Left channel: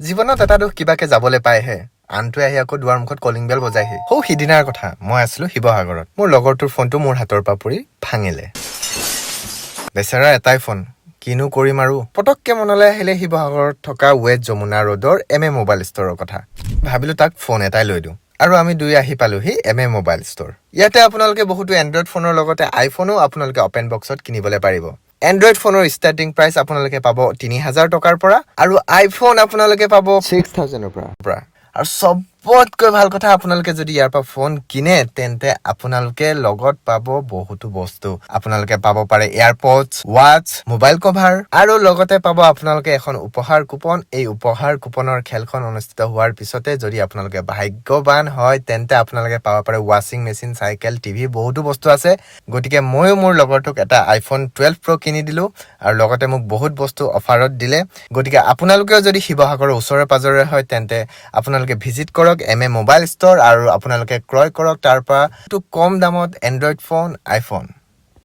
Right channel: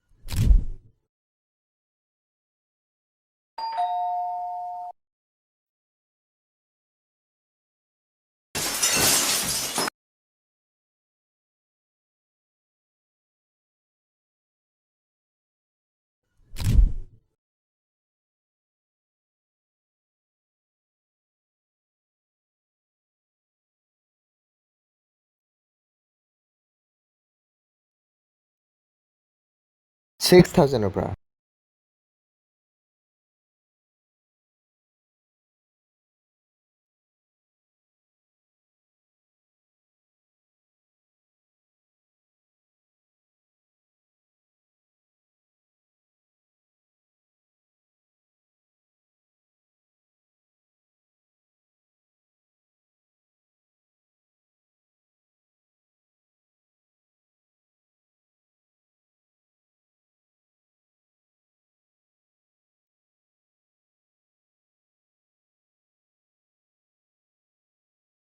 জীৱনত এটা দুখ কিবাকে যাবলৈ পায়হে আনটোৱে আহি আকৌ দুৱাৰ মুখত কলিং বেল বজাইহি সিদিনাৰ কথা মই আছিলো শিৱসাগৰত মোৰ লগৰটোৰ ফোনটো মোৰ হাতৰ পৰা পৰি ভাঙিলে বেচাৰা এটাই ফোন কিনো কৰিম আৰু পটককে মনলৈ আহিলে শিৱসাগৰত থকা ৱেট যমুনা ৰোডৰ এম মোবাইল ষ্টৰৰ কথা ভাবিলো তাক ফোন এটাই লৈ দিওঁ আৰু আমি দুই আহি পালোহি এম মোবাইল ষ্টৰ ইয়াতে আপোনালোকে বহুতো এণ্ড্ৰইড ফোনৰ লগতে আইফোনো আপোনালোকে অপেন বক্সত কিনিবলৈ পাৰিব এণ্ড্ৰইড ফোনৰ ষ্টাৰ্টিং প্ৰাইচ আপোনালোকে পাব ৩,০০০ টকাৰ পৰা আৰু আইফোন আপোনালোকে পাব 6,000 পৰা আৰু সবতকৈ ভাল কথা আপোনালোকে যদি ইয়াৰ পৰা ফোন কিনে তেন্তে আপোনালোকে লগত পাব বহুতো বস্তু আপোনালোকে পাব পাৰে এয়াৰপডছ ৱাচ মোবাইল কভাৰ আৰু লগতে পাব আপোনালোকে এখন উপহাৰ কুপন এই উপহাৰ কুপনৰ খেলখন অনুষ্ঠিত হোৱাৰ পিছতে যদি আপোনালোকে ভাগ্যৱান হয় তেন্তে আপোনালোকে পাব পাৰে ৱাশ্বিং মেচিন চাইকেল টিভি বহুতো বস্তু আছে গতিকে ময়ো মোৰ লগৰটোক এটা আইফোন 12 প্ৰ কিনি দিলো আৰু লগতে মোক বহুত বস্তু অফাৰত দিলে গতিকে আপোনালোকেও যদি শিৱসাগৰৰ ওচৰে পাজৰে হয় তেন্তে আপোনালোকে ভিজিট কৰক এম মোবাইল ষ্টৰ আৰু আপোনালোকে ক্ৰয় কৰক তাৰ পৰা কম দামত এণ্ড্ৰইড ফোন আইফোন